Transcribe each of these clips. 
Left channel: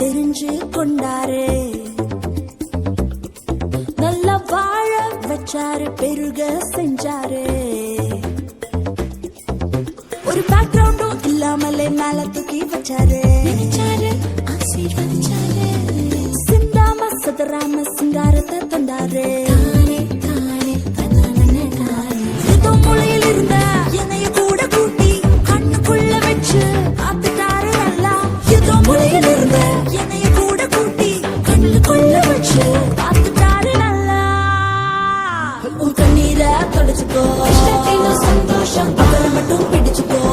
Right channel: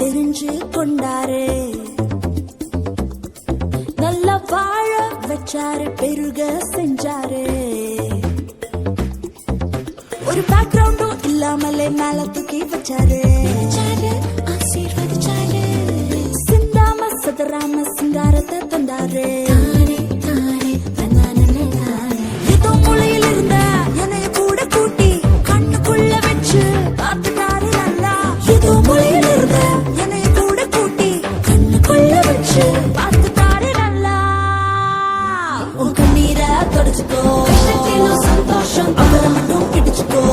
தெரிஞ்சு கொண்டாரு. நல்லா வாழ வச்சாரு, பெருக செஞ்சாரு. ஒரு பேக்ரவுண்டும் இல்லாமலே மேல தூக்கி வச்சாரு. சிந்தாம சதராம சிங்காரத்தை தந்தாரு. இதோ மூளையில் இருந்த என்னைய கூட கூட்டி கண்ணுக்குள்ள வச்சு பார்த்துட்டாரு நல்லா. இதோ மூளையில் இருந்த என்னைய கூட கூட்டி கண்ணுக்குள்ள வச்சு பார்த்துட்டாரு நல்லா. உன் கண்ணீரை தொடச்சுக்கோ, சந்தோஷம் அவரை மட்டும் பிடிச்சுக்கோ.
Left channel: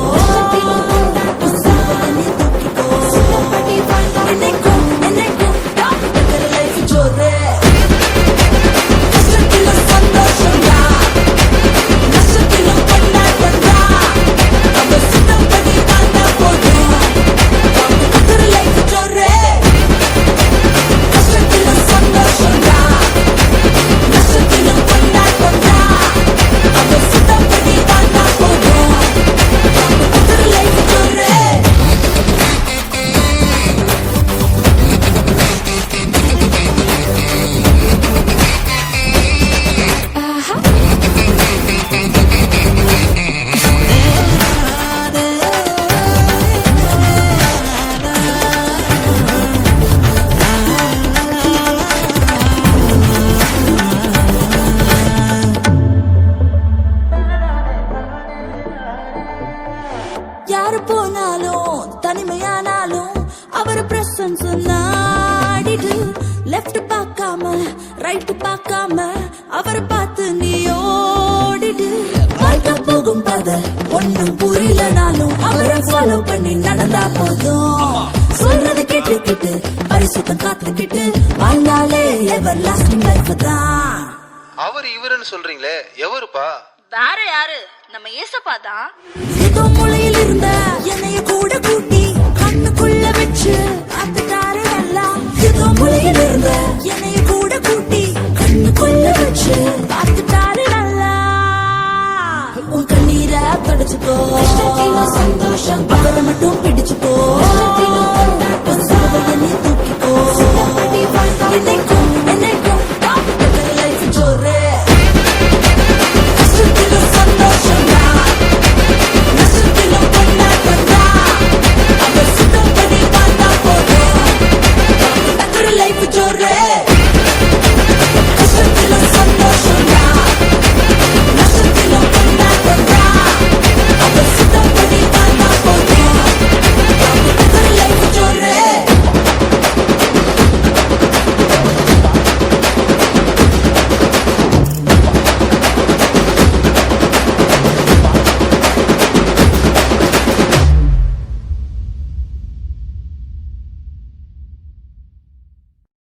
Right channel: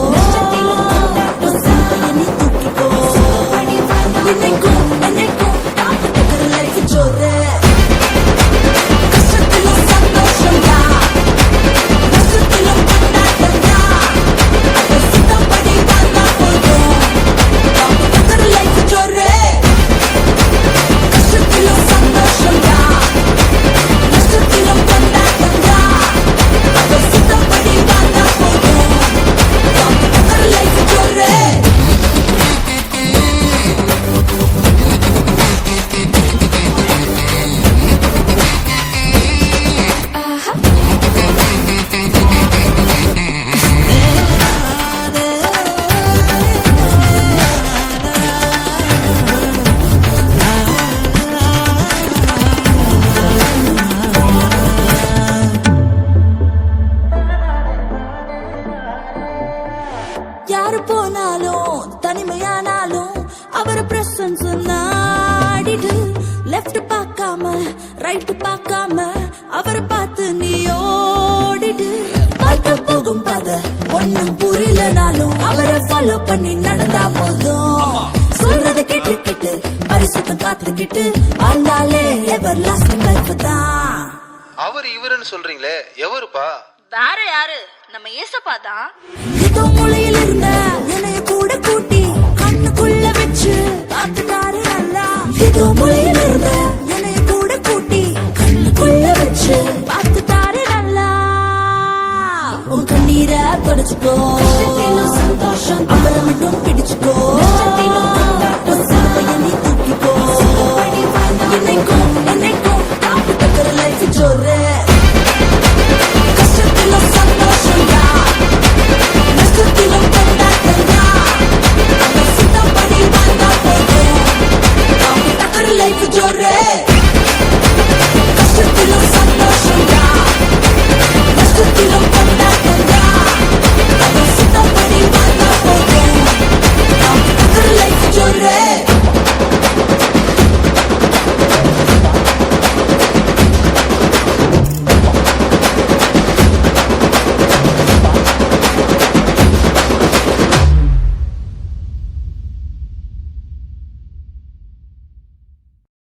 யாரு போனாலும் தனிமையானாலும் அவர் பிரசன்ஸ் நாடிடு. லெஃப்ட் பார்க்காம ரைட் பார்க்காம அவரை பார்த்து நீ ஓடிடு. பார்க்க போகும் பாத ஒண்ணும் புரியலனாலும் அவரை ஃபாலோ பண்ணி நடந்தா போதும். சொல்றத கேட்டு கேட்டு பரிசுத்தம் காத்துக்கிட்டு வாழ்ந்தாலே எவர் லாஸ்டிங் லைஃப் தான். அவர் இவருன்னு சொல்றீங்களே, எவருப்பா? வேற யாரு, நம்ம ஏசப்பா தான். இதோ மூளையில் இருந்த என்னைய கூட கூட்டி கண்ணுக்குள்ள வச்சு பார்த்துட்டாரு நல்லா. இதோ